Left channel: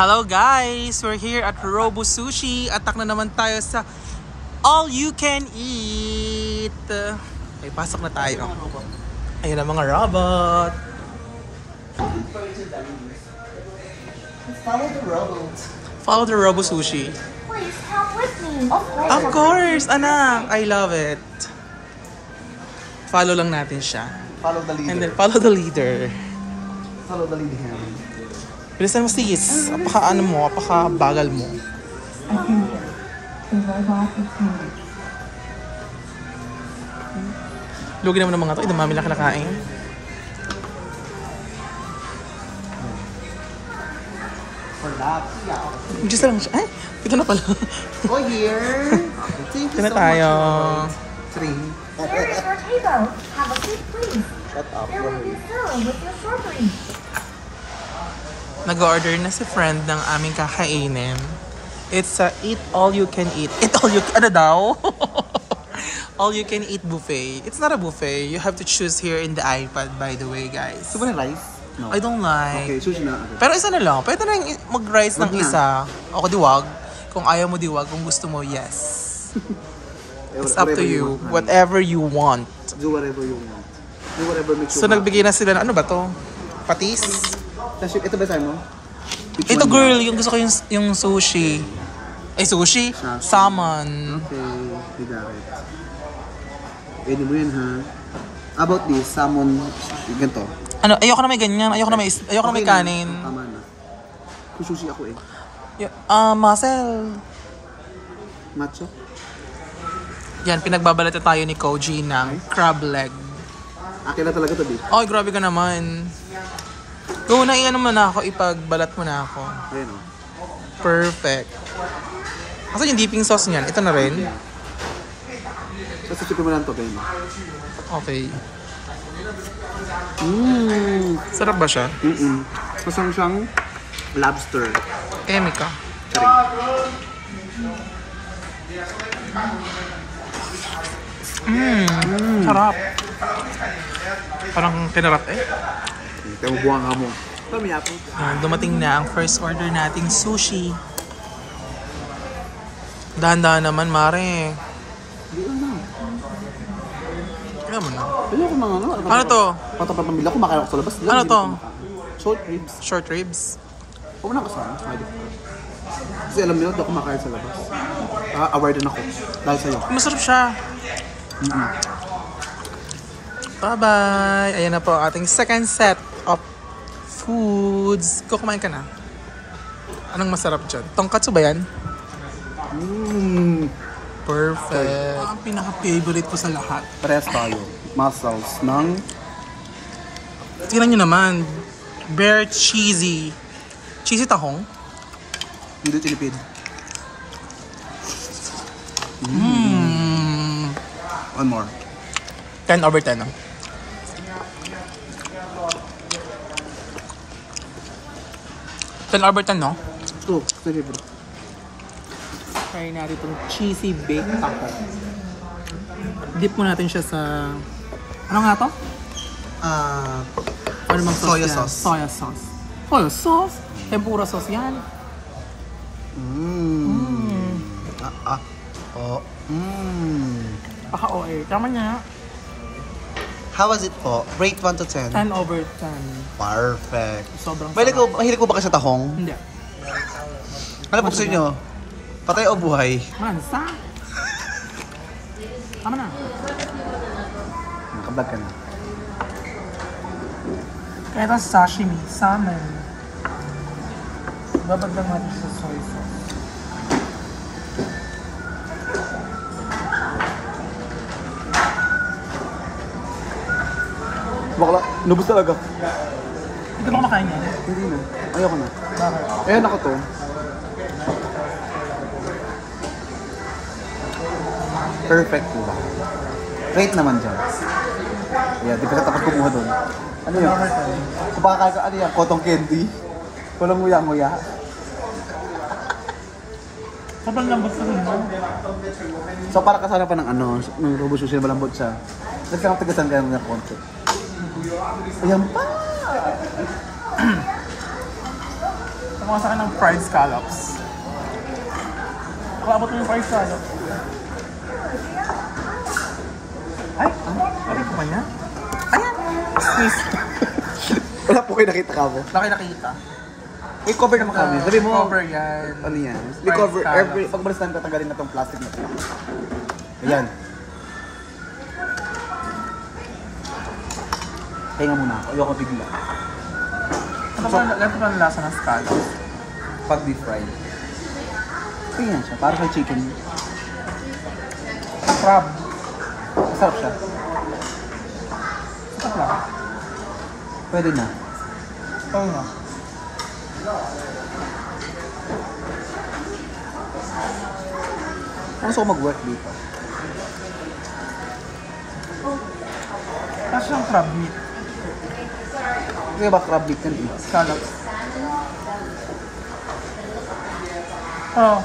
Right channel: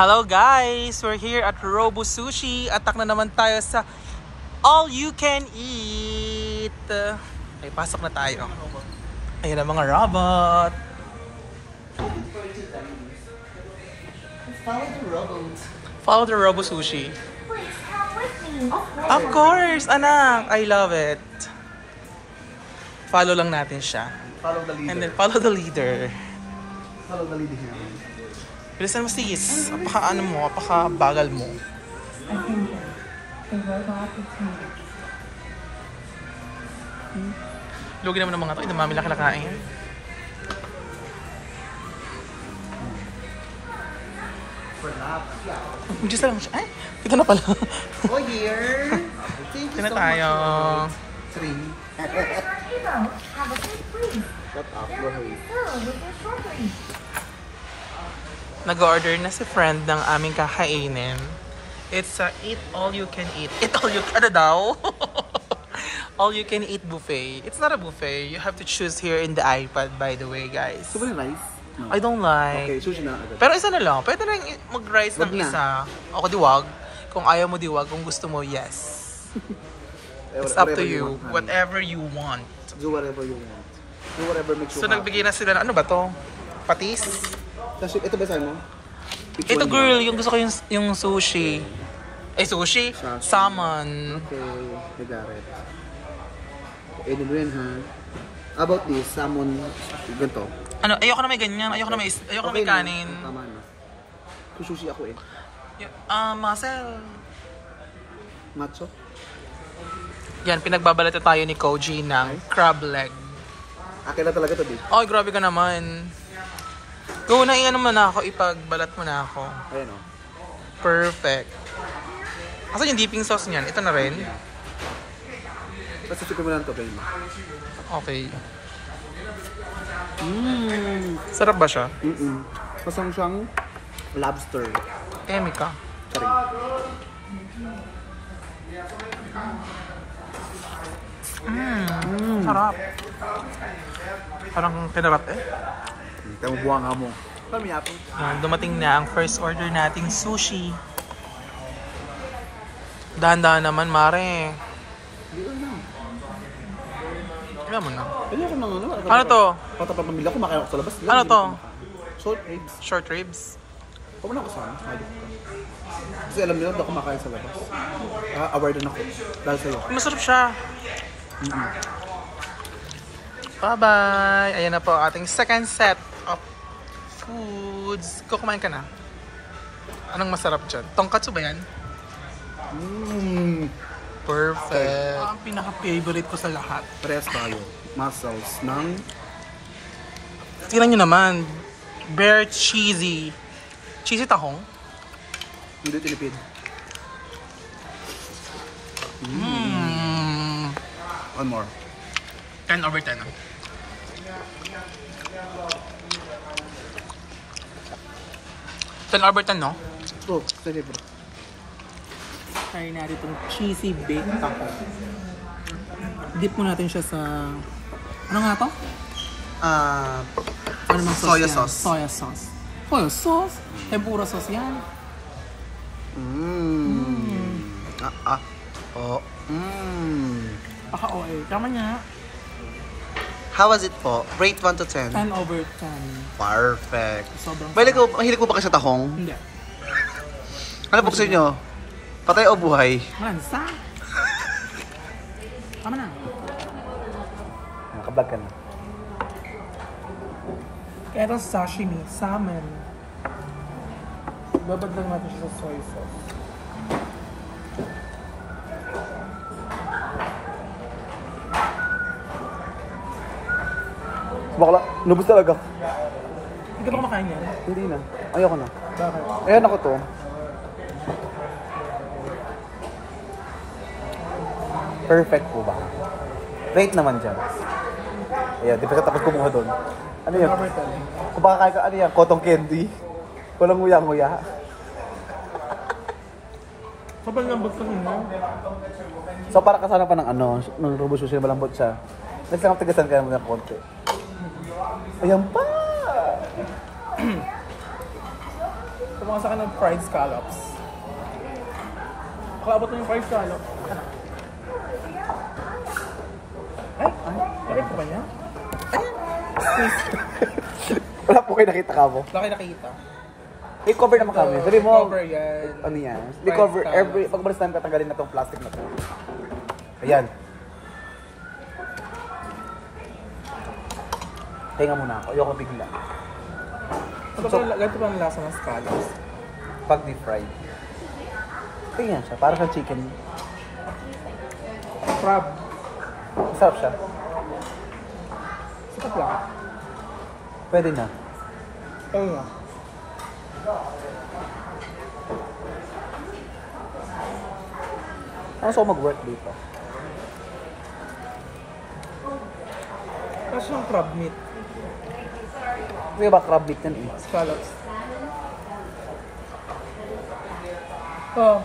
Hello guys! We're here at Robo Sushi. Atak na naman tayo sa All You Can Eat. Ay, pasok na tayo. Ayan ang mga robot. Follow the robot. Follow the Robo Sushi. Please come with me. Of course, anak! I love it. Follow lang natin siya. Follow the leader. And then follow the leader. Follow the leader. Bilisan mo sis. Apaka-ano mo, apaka-bagal mo. Lugi naman ng mga to. Idamami lang kinakain. Diyos lang siya. Ay, ito na pala. Oh, here. Thank Ito na tayo. 3. There is your table. Have a seat, please. Shut up. There will be food with your shortly. Nag-order na si friend ng aming kakainin. It's a eat all you can eat. Eat all you can... Ano daw? All you can eat buffet. It's not a buffet. You have to choose here in the iPad, by the way, guys. Gusto mo ng rice? No. I don't like. Okay, sushi na. Pero isa na lang. Pwede na mag-rice ng Wag na. isa. Ako diwag. Kung ayaw mo diwag, kung gusto mo, yes. It's up to you. Whatever you want. Do whatever you want. Do whatever makes you So, nagbigay na sila ng ano ba to? Patis? Ito ba sa'yo mo? Ito girl, yung gusto ko yung sushi. Eh, sushi? Salmon. Okay, I got it. Pwede mo yan, ha? About this, salmon, ganito. Ano, ayoko na may ganyan. Ayoko na may kanin. Tama na. May sushi ako eh. Muscle. Macho? Yan, pinagbabalat na tayo ni Koji ng crab leg. Akin na talaga to, di? Ay, grabe ka naman. Go na, i-ano mo na ako, ipagbalat mo na ako. Ayan o. Perfect. Asan yung dipping sauce niyan? Ito na rin? Basta chicken mo lang to, Ben. Okay. Sarap ba siya? Pasang siyang lobster. Emi ka. Sarap. Parang pinarap eh. Kaya mo buwang ka mo. Pamiyapo. Yan, dumating na ang first order nating sushi. Dahan-dahan naman, mare. Hindi na. Alam mo na. Ayoko na ano. Ano to? Patapapamila ko, makain ako sa labas. Ano to? Short ribs. Short ribs. Huwag mo na kasama. Kasi alam niyo, doon ako makain sa labas. Awarded ako. Dahil sa'yo. Masarap siya. Bye-bye! Ayan na po ating second set of foods. Kumain ka na. Anong masarap dyan? Tonkatsu ba yan? Perfect. Ang pinaka-favorite ko sa lahat. Parehas tayo. Muscles ng... Tingnan nyo naman. Bare cheesy. Cheesy tahong? Hindi tinipid. One more. 10 over 10. 10 over 10, no? Oh, sorry bro. Try natin itong cheesy baked taco. Dip mo natin siya sa... Ano nga to? Ano mang sauce Soya yan? sauce. Soya sauce. Soya sauce? Tempura sauce yan. Paka-OA. Tama niya. How was it po? Rate 1 to 10? 10 over 10. Perfect. Sobrang Mahilig ko ba kayo sa tahong? Hindi. Ano po gusto nyo? Patay o buhay? Mansa. Tama na. Nakablog ka na. Kaya ito sashimi. Salmon. Babad lang natin siya sa soy sauce. Bakla, nubos talaga. Hindi ka ba kumakain yan? Hindi na. Ayoko na. Bakit? Ayan ako to. Perfect po ba? Rate naman dyan. Ayan, di ba sa tapos kumuha doon? Ano yun? Over 10. Kumakain ka, ano yan? Cotton candy? Walang muya-muya. Sobrang lambot sa mo. So para kasama pa ng ano, ng Robo Sushi na malambot siya. Let's lang tigasan ka ng konti. Ayan pa! Tumaka sa akin ng fried scallops. Nakalabot mo yung fried scallops. Ay, lagay ko ba niya? Ayan! Squeeze. Wala po kayo nakita ka mo. Laki nakita. I-cover naman kami. Sabi mo, Cover yan. ano yan? Fried I-cover scallops. every... Pag balis namin tatanggalin na itong plastic na ito. Ayan. Hinga muna ako. Ayoko bigla. Ganito ba ang lasa ng scallops? Pag deep fried. Ayan siya. Para kay chicken. Crab. Masarap siya. Sarap lang. Pwede na. Oo nga. Ano sa mag-work dito? Tapos yung crab meat. Hindi ba crab dip din eh? Scallops. Oo.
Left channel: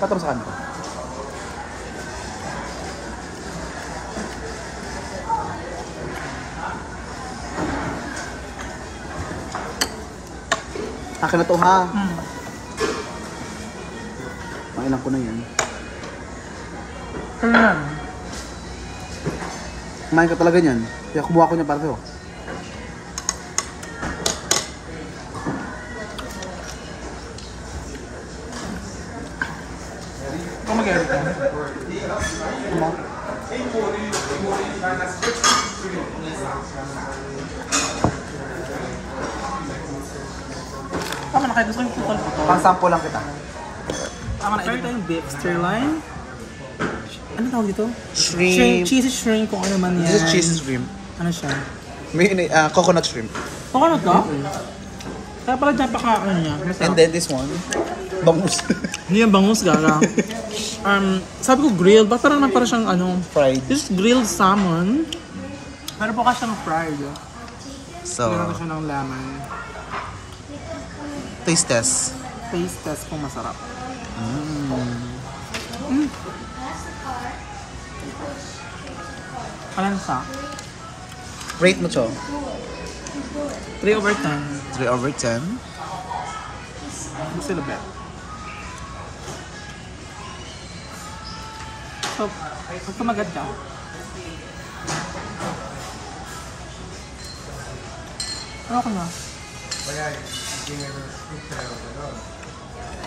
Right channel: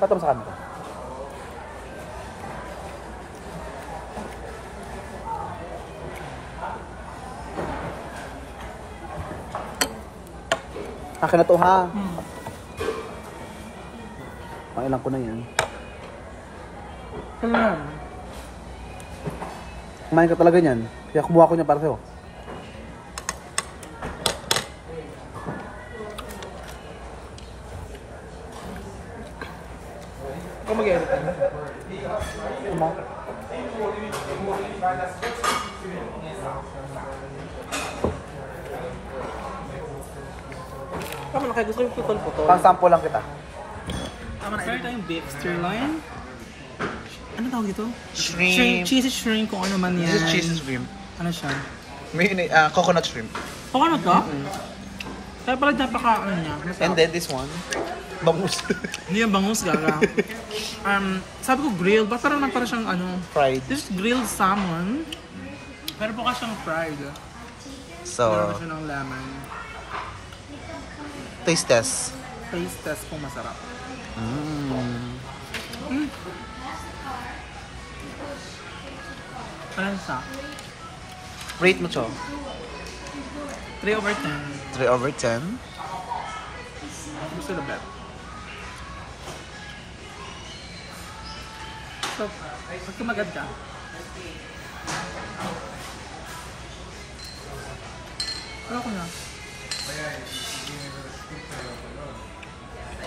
Pato mo sa kanto. Akin na to ha. Mainang ko na yan. Ano yan? Kumain ka talaga niyan. Kaya kumuha ko niya para sa'yo. Ikaw mag-edit ka. Tama na kayo. Gusto ko yung putol-putol. Pang sample lang kita. Tama na. Try tayong beef sirloin. Ano tawag dito? Shrimp. Cheesy shrimp kung ano man yan. This is cheese shrimp. Ano siya? May coconut shrimp. Ano to? Kaya pala dyan pa ano niya. Masarap. And then this one, bangus. Hindi yan bangus, gara. Sabi ko grilled. Ba't parang naman para siyang ano? Fried. This is grilled salmon. Pero po kasi siyang fried. So, Meron siya ng lemon. taste test. Taste test kung masarap. Ano sa? Rate mo, Cho. 3/10. 3/10. Gusto bet. So, pag tumagad ka, ano ko na?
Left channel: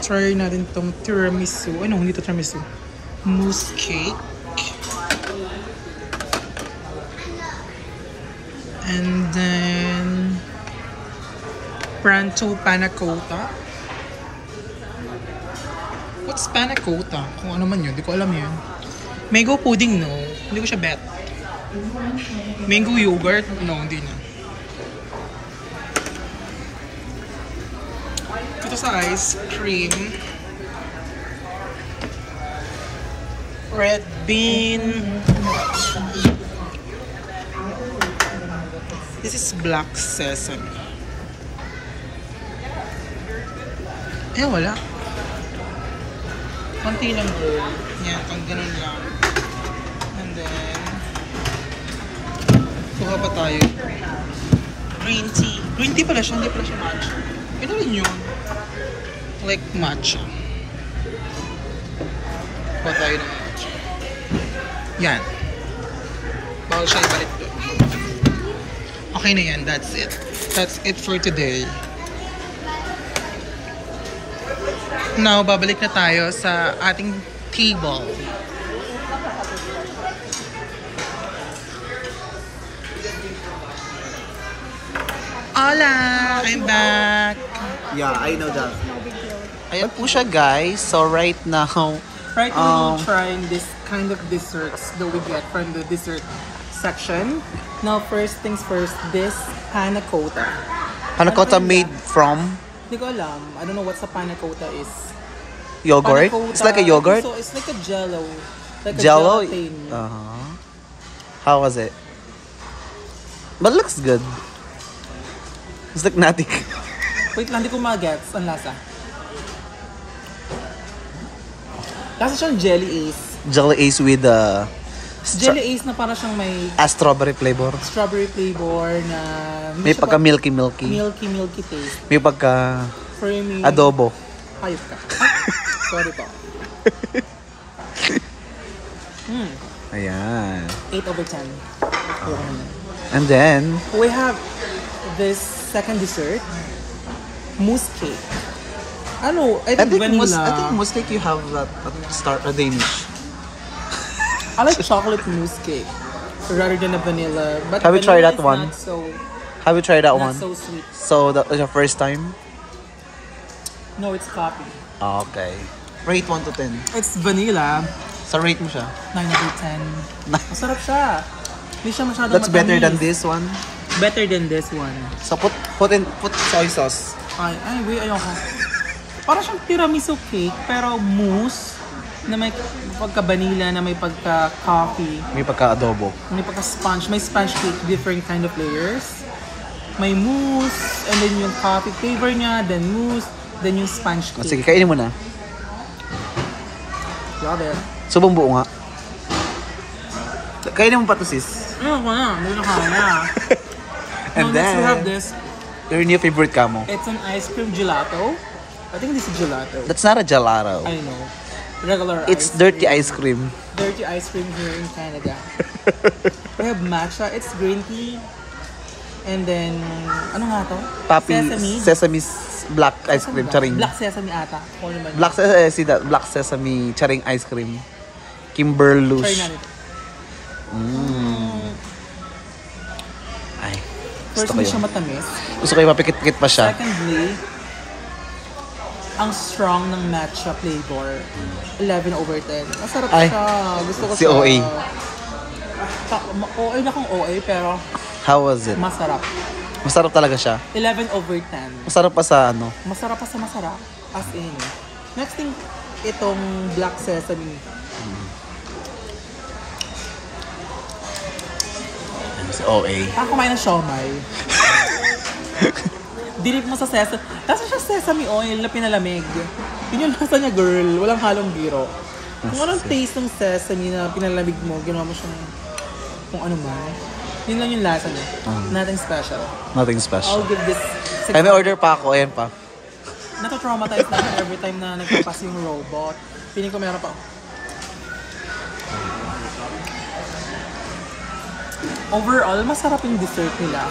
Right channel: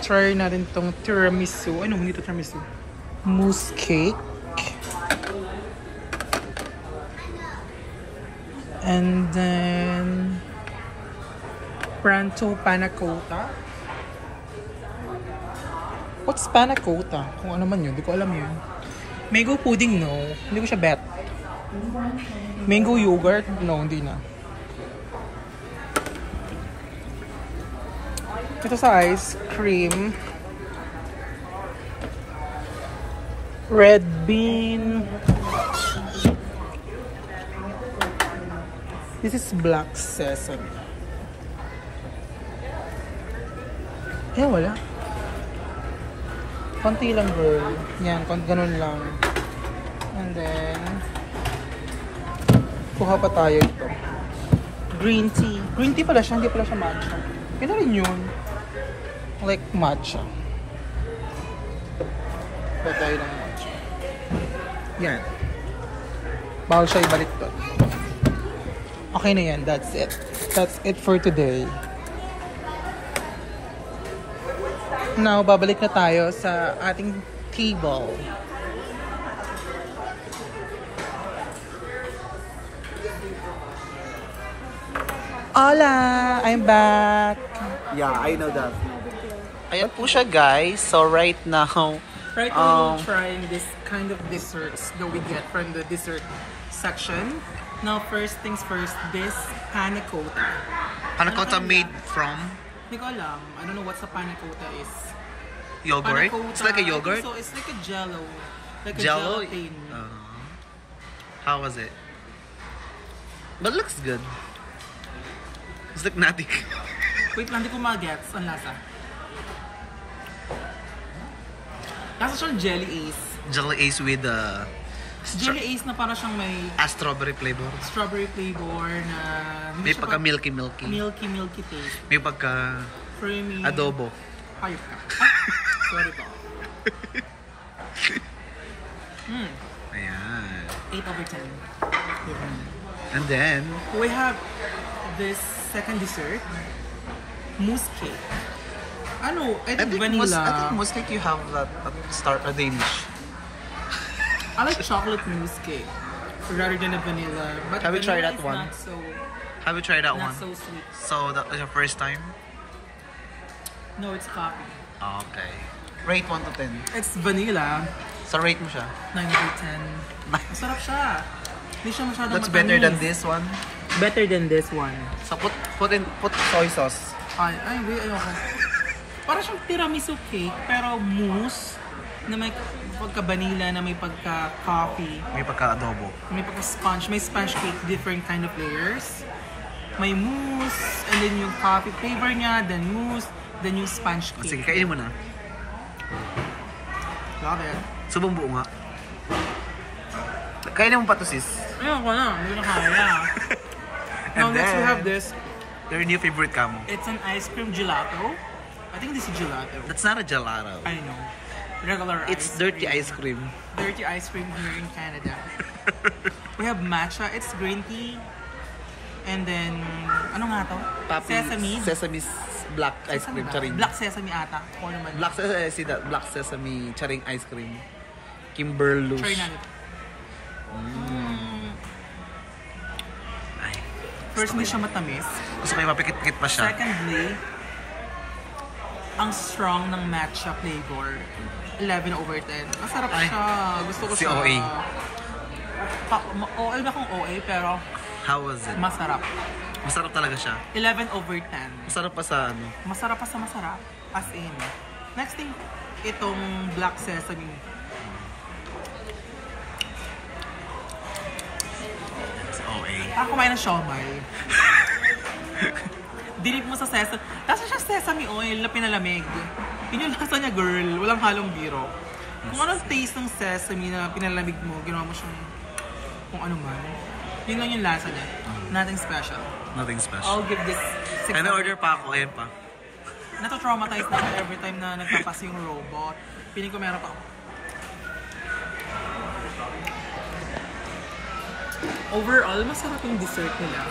Try natin itong tiramisu. Ano? Hindi ito tiramisu. Mousse cake. And then Pranto panna cotta. What's panna cotta? Kung ano man yun, di ko alam yun. Mango pudding, no. Hindi ko siya bet. Mango yogurt? No, hindi na. Ito sa ice cream. Red bean. This is black sesame. Eh, wala. Konti lang, girl. Yan, ganun lang. And then, kuha pa tayo. Green tea. Green tea pala siya, hindi pala siya matcha. Yun na rin yun. Like matcha. Kuha tayo ng matcha. Yan. Bawal siya ibalik to. Okay na yan, that's it. That's it for today. Now, babalik na tayo sa ating table. Hola! I'm back! Yeah, I know that. Ayan po siya, guys. So, right now, Right now, we're trying this kind of desserts that we get from the dessert section. Now, first things first, this panna cotta. panna cotta Ano ba made yan? from Hindi ko alam. I don't know what's a panna cotta is. yogurt. Panna cotta, It's like a yogurt. So, it's like a jello. Like a Jello. gelatin. How was it? But it looks good. It's like nothing. Wait lang, hindi ko mag-gets. Ang lasa. Lasa siyang jelly ace. Jelly ace with Jelly ace na para siyang may strawberry flavor. strawberry flavor na May siya pagka pa- milky. milky taste. May pagka Creamy. Adobo. Hayop ka. Sorry po. Ayan. 8/10. And then, We have this second dessert. Mousse cake. Ano? I think vanilla. most like you have that a Danish. I like chocolate mousse cake rather than a vanilla. But Have you tried vanilla that is one? Have you tried that Not one? so sweet. So that was your first time? No, it's coffee. Okay. Rate 1 to 10. It's vanilla. So rate mo siya. 9/10. Masarap siya. Hindi siya masyadong That's better than matamis. this one. Better than this one. So put soy sauce. Ay, wait, ayoko. Para siyang tiramisu cake, pero mousse na may pagka-vanilla, na may pagka-coffee, May pagka-adobo. may pagka-sponge, may sponge cake, different kind of layers. May mousse, and then yung coffee flavor niya, then mousse, then yung sponge O, sige, cake. kainin mo na. Love it. Subong buo nga. Kainin mo pa to, sis. Ayoko na, hindi na kaya. And Now, next we then- have this. Your new favorite kamo. It's an ice cream gelato. I think this is gelato. That's not a gelato. I know. Regular It's dirty ice cream. Dirty ice cream here in Canada. We have matcha. It's green tea. And then, ano nga to? Sesame's black ice Sesame cream. ba? Charing. Black sesame ata. Kung ano man. Black sesame charing ice cream. Kimberlush. Try natin. Ay. First, Gusto ko hindi yan. siya matamis. Gusto ko yung mapikit-pikit pa siya. Secondly, ang strong ng matcha flavor. 11/10. Masarap Ay, siya. Gusto ko si siya. OA. OA na kung OA, pero How was it? masarap. Masarap talaga siya. 11/10. Masarap pa sa ano. Masarap pa sa masarap. As in. Next thing, itong black sesame. Si OA. Kumain ng siomay. Dinip mo sa sesame. Tapos siya sesame oil na pinalamig. Yun yung lasa niya, girl. Walang halong biro. Kung anong taste ng sesame na pinalamig mo, ginawa mo siyang kung ano man. Yun lang yung lasa niya. Nothing special. Nothing special. I'll give this 6. Ay, may order pa ako. Ayan pa. Nata-traumatize na ako every time na nagpapas yung robot. Piling ko meron pa ako. Overall, masarap yung dessert nila.